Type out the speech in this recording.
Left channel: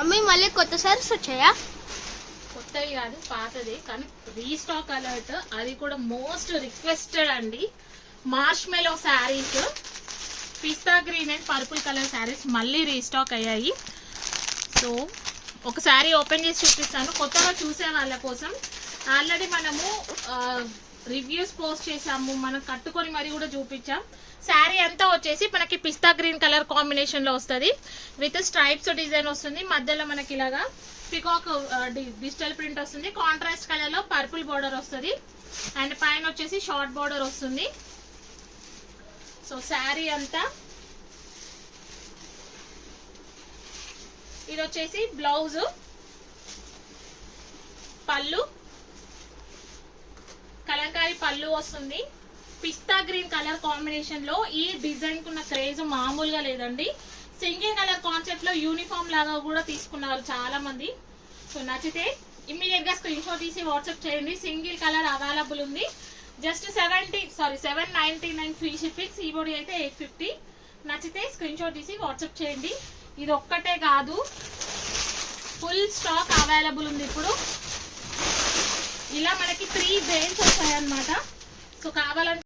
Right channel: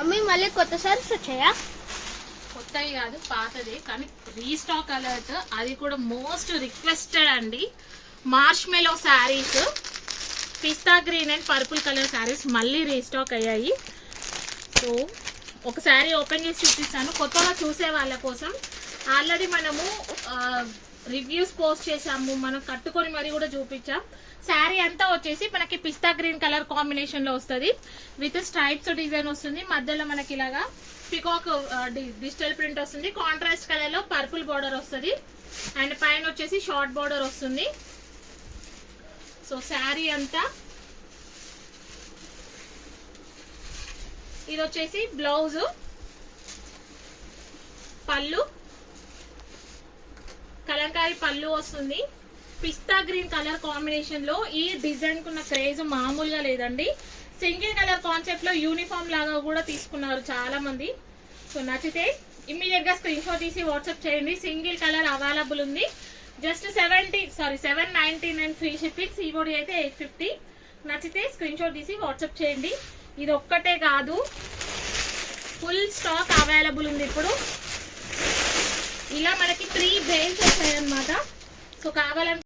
Mummy మళ్ళీ కొత్త సారీస్ వచ్చాయా? కొత్తవి కాదు, పాతది, కానీ రీస్టాక్ అలర్ట్. అది కూడా మోస్ట్ రిక్వెస్టెడ్ అండి. Marshmallow saris, pista green and purple colour saris మళ్ళీ రీస్టాక్ అయ్యాయి. సో ఒక శారీ ఓపెన్ చేసి చూపిస్తాను కొత్తగా చూసే వాళ్ళ కోసం. ఆల్రెడీ మనము రివ్యూస్ పోస్ట్ చేసాము, మనం కట్టుకొని మరి కూడా చూపించాం. శారీ అంతా వచ్చేసి మనకి పిస్తా గ్రీన్ కలర్ కాంబినేషన్ లో వస్తుంది. విత్ స్ట్రైప్స్ డిజైన్ వస్తుంది. మధ్యలో మనకి ఇలాగా పికాక్ డిజిటల్ ప్రింట్ వస్తుంది. కాంట్రాస్ట్ కలర్ లో పర్పుల్ బోర్డర్ వస్తుంది. అండ్ పైన వచ్చేసి షార్ట్ బోర్డర్ వస్తుంది. సో శారీ అంతా ఇది వచ్చేసి బ్లౌజ్, పళ్ళు, కలంకారీ పళ్ళు వస్తుంది. పిస్తా గ్రీన్ కలర్ కాంబినేషన్ లో ఈ డిజైన్ కున్న క్రేజ్ మామూలుగా లేదండి. సింగిల్ కలర్ కాన్సెప్ట్ లో యూనిఫామ్ లాగా కూడా తీసుకున్నారు చాలా మంది. సో నచ్చితే ఇమ్మీడియట్ గా స్క్రీన్ షాట్ తీసి వాట్సాప్ చేయండి. సింగిల్ కలర్ అవైలబుల్ ఉంది. Just 799 free shipping. ఈబోడీ అయితే 850. నచ్చితే స్క్రీన్ షాట్ తీసి వాట్సాప్ చేయండి. ఇది ఒక్కటే కాదు, ఫుల్ స్టాక్ అవైలబుల్ ఉంది. ఇప్పుడు ఇలా మనకి 3 బేల్స్ వచ్చాయన్నమాట. సో కావాలంటే